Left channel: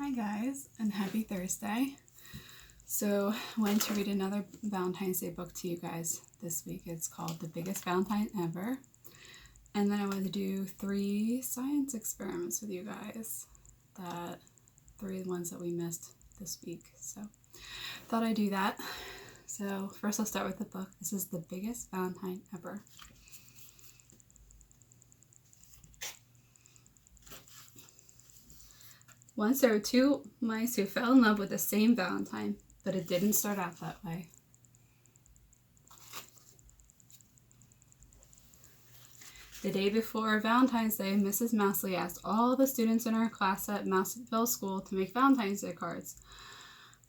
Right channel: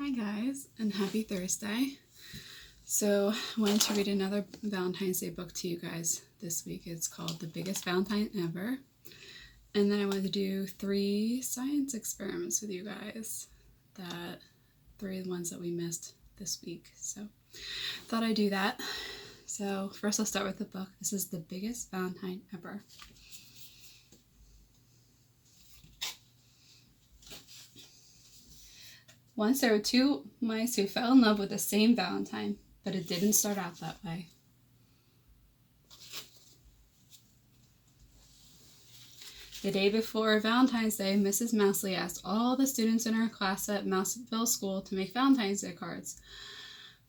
Hi guys, and happy Thursday. So I wanted to read another Valentine's Day book to you guys this week. It's called The Biggest Valentine Ever. And then I wanted to do 3 science experiments with you guys. That 3 ones that we missed this week. So thought I'd do that. So first I'll start with the book. This is The Biggest Valentine Ever. Once there were 2 mice who fell in love with the same Valentine, but it didn't start out that way. The day before Valentine's Day, Mrs. Mousley asked all the students in her class at Mouseville School to make Valentine's Day cards.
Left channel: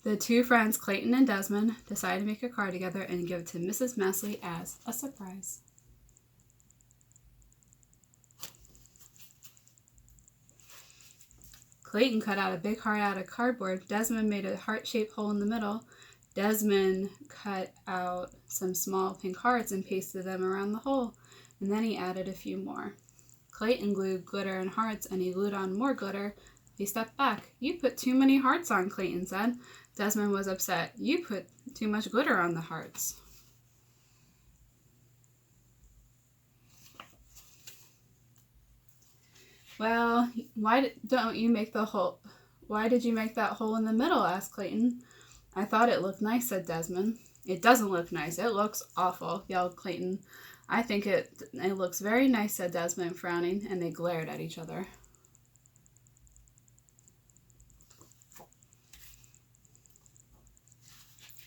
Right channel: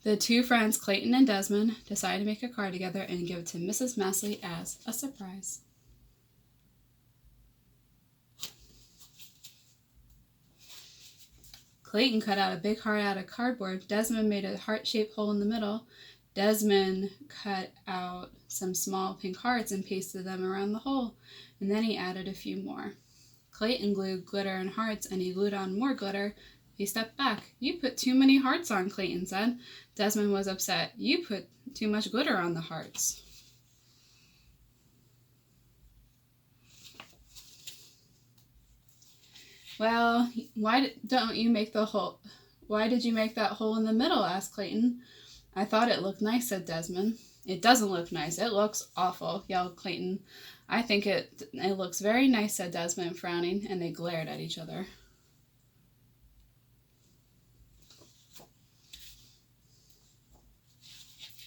The 2 friends, Clayton and Desmond, decided to make a card together and give it to Mrs. Mousley as a surprise. Clayton cut out a big heart out of cardboard. Desmond made a heart-shaped hole in the middle. Desmond cut out some small pink hearts and pasted them around the hole, and then he added a few more. Clayton glued glitter and hearts, and he glued on more glitter. He stepped back. "You put too many hearts on," Clayton said. Desmond was upset. "You put too much glitter on the hearts." "Well, why don't you make the hole? Why did you make that hole in the middle?" asked Clayton. "I thought it looked nice," said Desmond. "It doesn't look nice. It looks awful," yelled Clayton. "I think it looks very nice," said Desmond, frowning, and they glared at each other.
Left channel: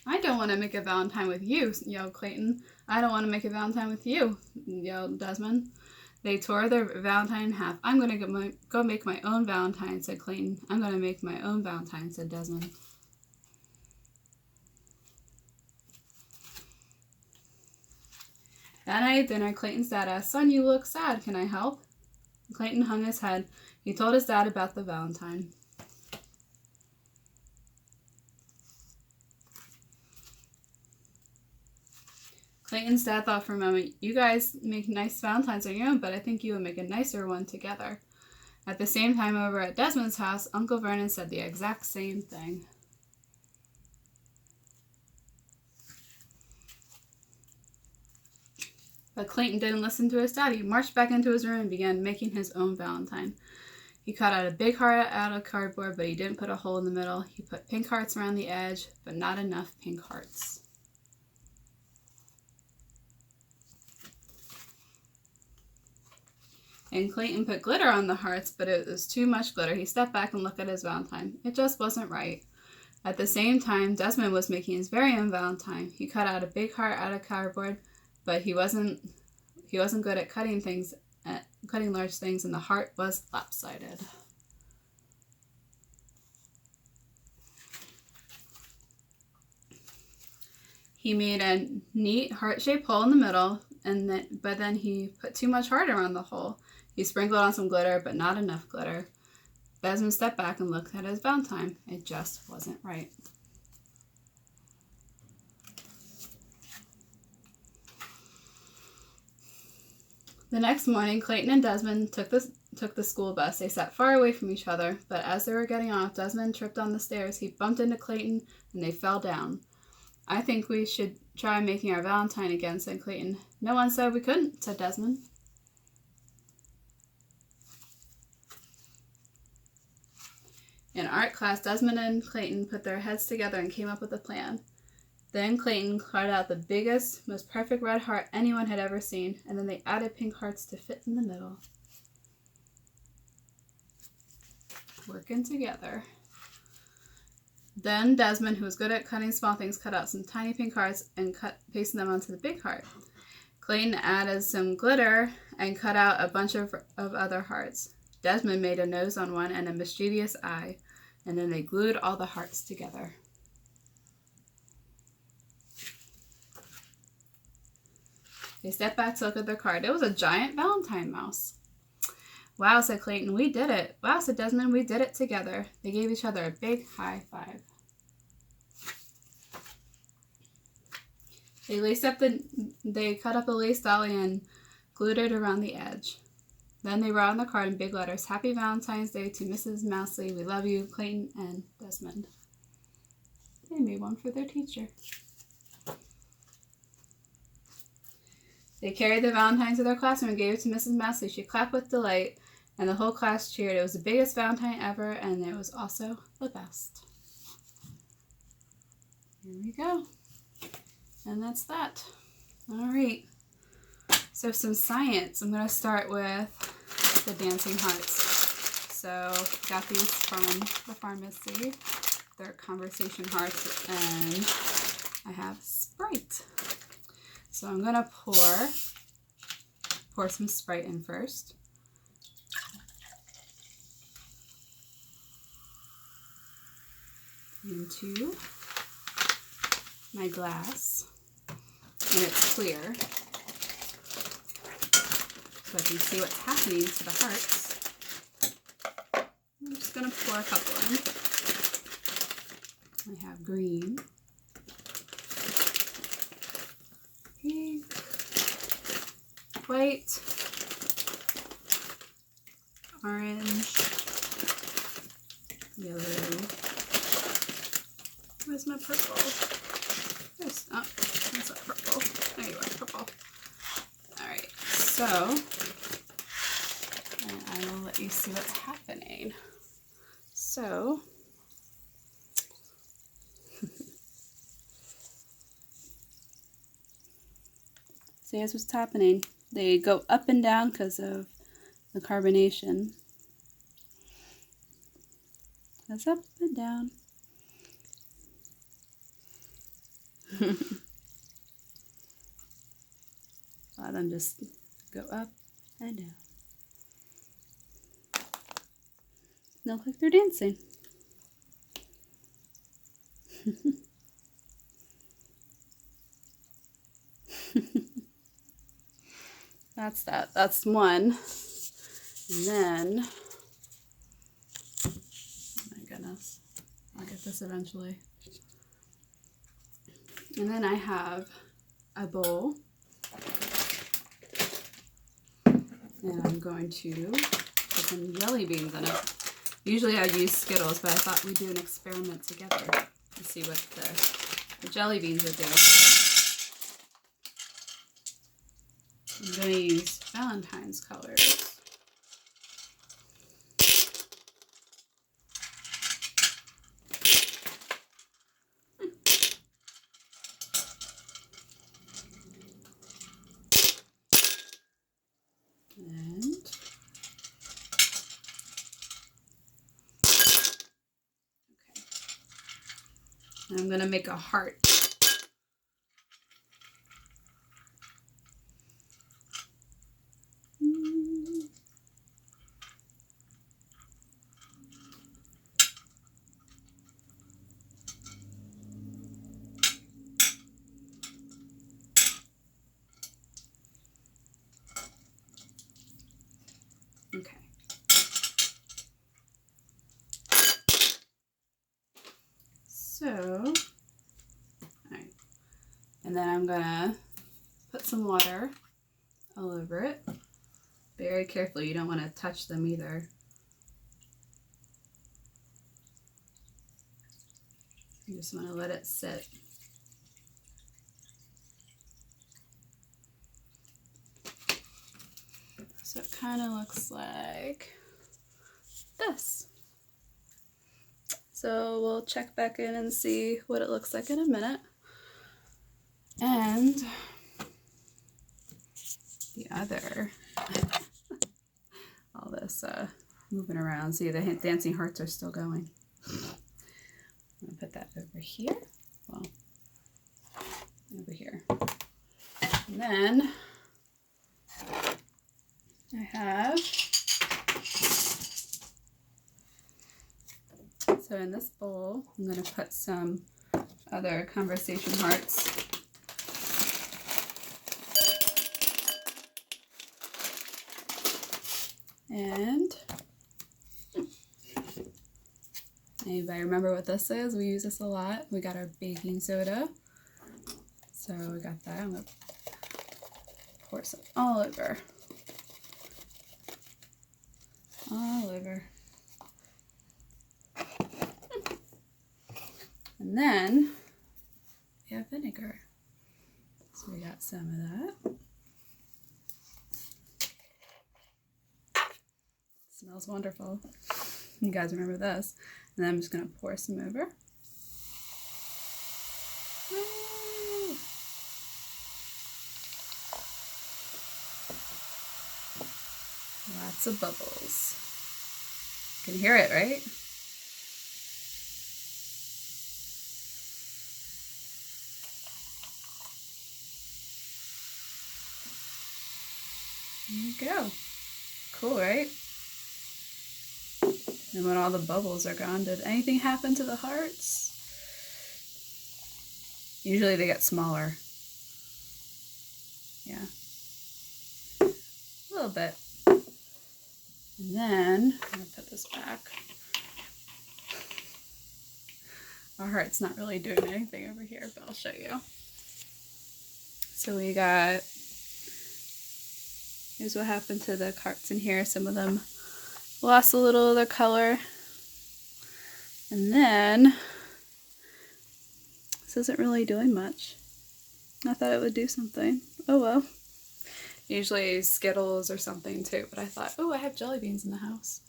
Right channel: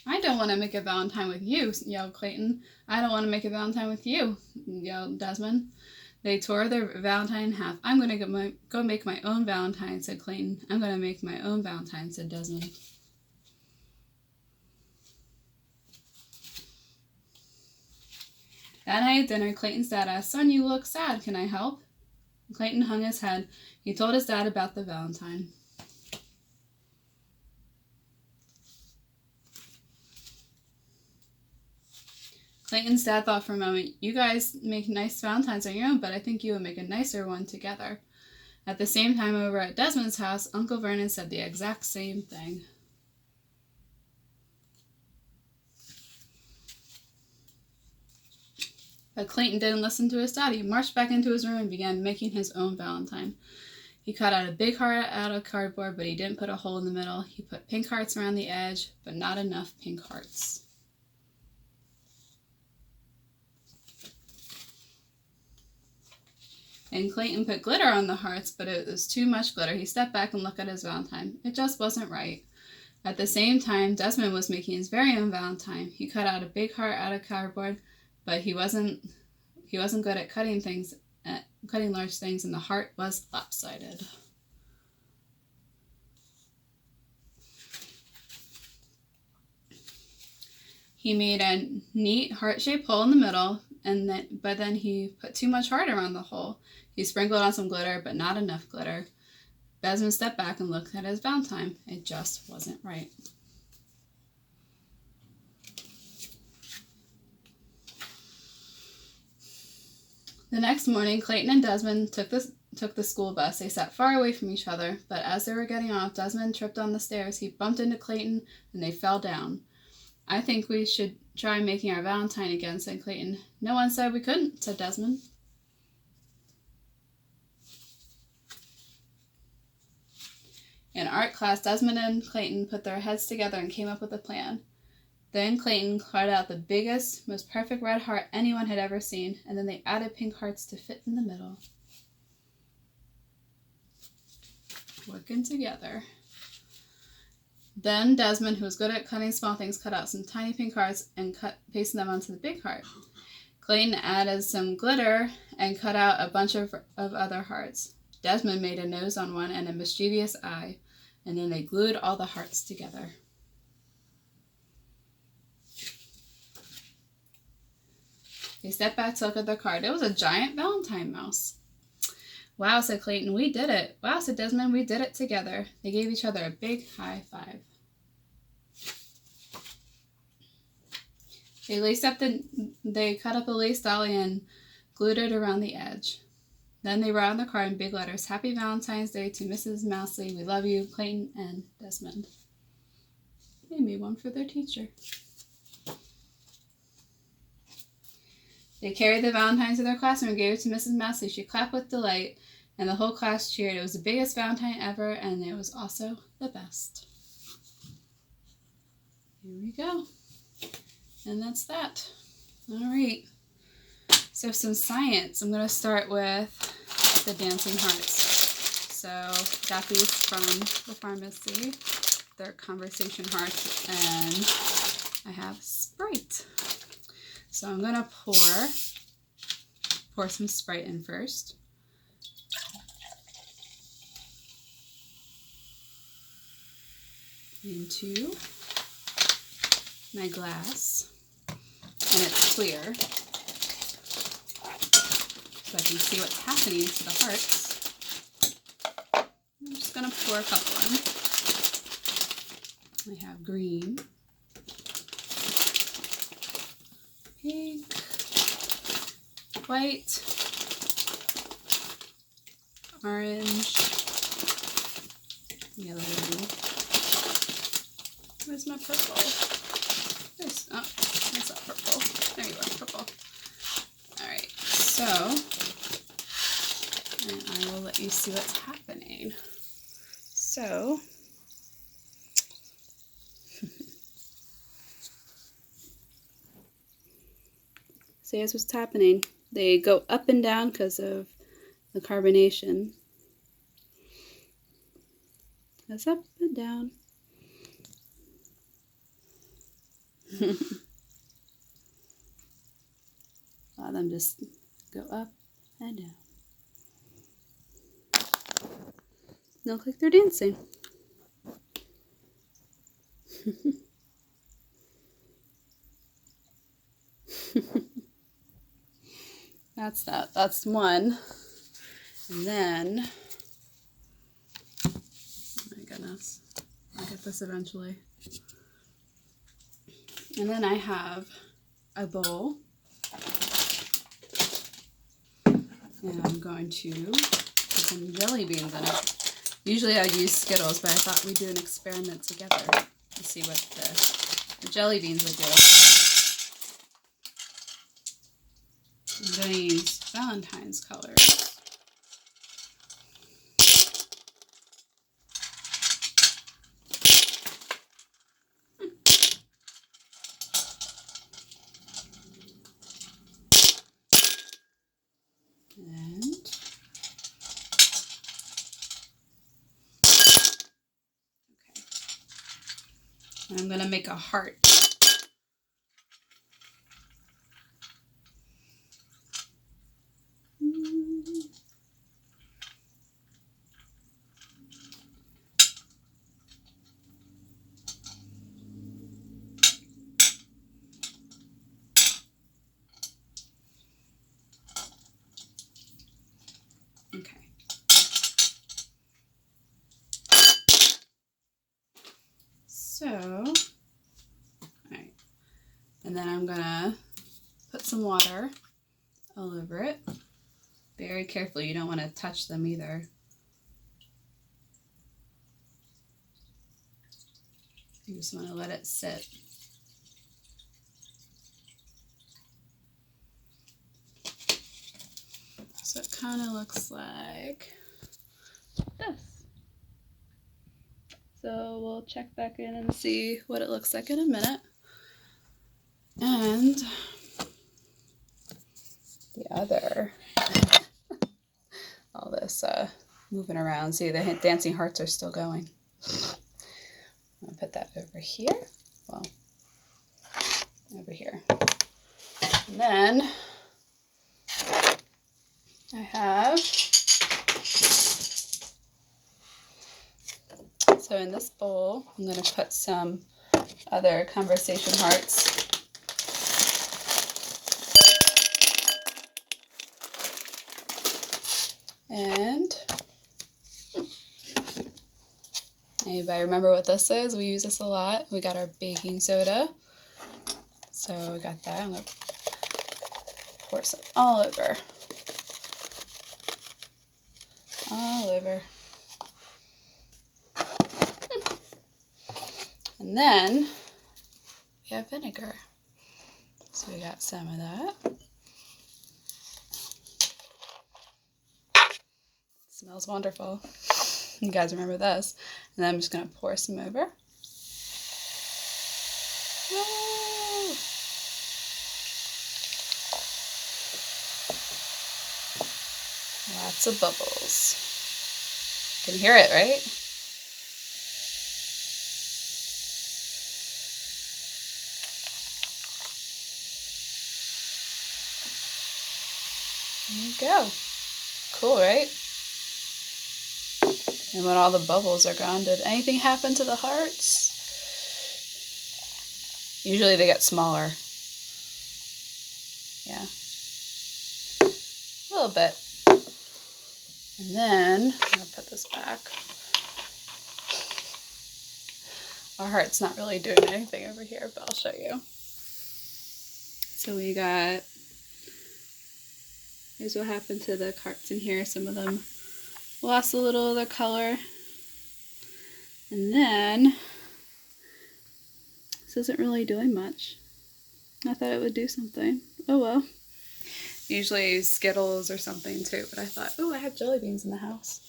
"I don't want to make a Valentine with you," yelled Clayton. "I don't want to make a Valentine with you," yelled Desmond. They tore their Valentine in half. "I'm going to go make my own Valentine," said Clayton. "I'm going to make my own Valentine," said Desmond. That night at dinner, Clayton's dad asked, "Son, you look sad. Can I help?" Clayton hung his head. He told his dad about the Valentine. Clayton's dad thought for a moment. "You guys make nice Valentines on your own, but I think you would make a nicer one together." At the same time, over at Desmond's house, Uncle Vernon said the exact same thing. But Clayton didn't listen to his dad. He marched back into his room and began making his own Valentine. He cut out a big heart out of cardboard, but he didn't put a hole in the middle. He put pink hearts around the edge, but not enough pink hearts. And Clayton put glitter on the hearts, but it was too much glitter. He stepped back and looked at his Valentine. It just wasn't right. At the same time, Desmond was making his very own Valentine. He cut out a big heart out of cardboard, but he wasn't good at cutting large things, and the heart was lopsided. He made a neat heart-shaped hole in the middle, but then he put too much heart around the hole. He sprinkled on some glitter, but not enough glitter. Desmond stepped back and looked at his Valentine. It just wasn't right. The next morning, Clayton and Desmond took the school bus. They sat far away from each other, but as they were getting off, Desmond tripped on the stairs. He bumped into Clayton, and they fell down. "I think we should try making our Valentine again," said Clayton. "No one said we couldn't," said Desmond. In art class, Desmond and Clayton put their heads together and came up with a plan. Then Clayton cut out the biggest, most perfect red heart anyone had ever seen, and then they added pink hearts to fit in the middle. Working together. Then Desmond, who was good at cutting small things, cut out some tiny pink hearts and pasted them onto the big heart. Clayton added some glitter and cut out a bunch of other hearts. Desmond made a nose on one and a mischievous eye, and then they glued all the hearts together. They stepped back to look at their card. It was a giant Valentine mouse. "Wow," said Clayton, "we did it." "Wow," said Desmond, "we did it together." They gave each other a big high five. They cut up a lace dolly and glued it around the edge. Then they wrote on the card in big letters, Happy Valentine's Day to Mrs. Mousley. We love you, Clayton and Desmond. They made one for their teacher. They carried the Valentines to their classroom and gave it to Mrs. Mousley. She clapped with delight, and the whole class cheered. It was the biggest Valentine ever, and it was also the best. Here we go. And that's that. All right. So some science. I'm going to start with the dancing hearts. So got these from the pharmacy. They're conversation hearts, and I have Sprite. So I'm going to pour some Sprite in first. Into my glass, and it's clear, so I can see what's happening to the hearts. I'm just going to pour a couple in. I have green, pink, white, orange, yellow. Where's my purple? There's, oh, that's not purple. There you are, purple. Alright, so, and I will let you see what's happening. So, see what's happening. They go up and down because of the carbonation. Goes up and down. A lot of them just go up and down. They look like they're dancing. That's that. That's one. And then, oh my goodness, I'll get this eventually. And then I have a bowl, and I'm going to put some jelly beans in it. Usually I'd use Skittles, but I thought we'd do an experiment together to see what the jelly beans would do. I'm going to use Valentine's colors. And I'm going to make a heart. Okay. So, all right. And then I'm gonna put some water all over it. Very carefully, you don't want to touch them either. You just want to let it sit. So it kind of looks like this. So we'll check back in and see what it looks like in a minute. And the other, all this moving around. See, the dancing hearts are still going. I'll put that over here. Well, over here. And then I have, so in this bowl, I'm going to put some other conversation hearts. And anybody remember what this is? We use this a lot. We got our baking soda. So we got that. I'm going to pour some all over. all over. And then we have vinegar. So we got some of that. Smells wonderful. You guys remember this. And then I'm just going to pour some over. Woo! Lots of bubbles. You can hear it, right? There you go. Cool, right? And when all the bubbles are gone, did anything happen to the hearts? Usually they get smaller. Yeah. A little bit. And then, I'm going to put this back. Our heart's not really doing anything over here, but I'll show you. So we got, here's what happened to the hearts in here. Some of them lost a little of their color. And then, this isn't really doing much. I thought it would do something. Oh well. Usually I use Skittles or something too, but I thought, oh, I have jelly beans in the house.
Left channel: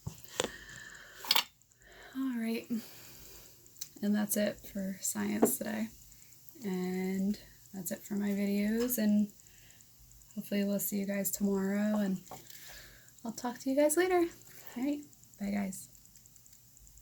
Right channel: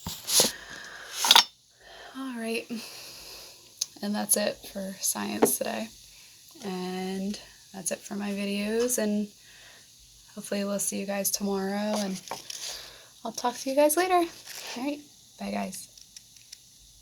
All right. And that's it for science today. And that's it for my videos. And hopefully we'll see you guys tomorrow. And I'll talk to you guys later. All right. Bye, guys.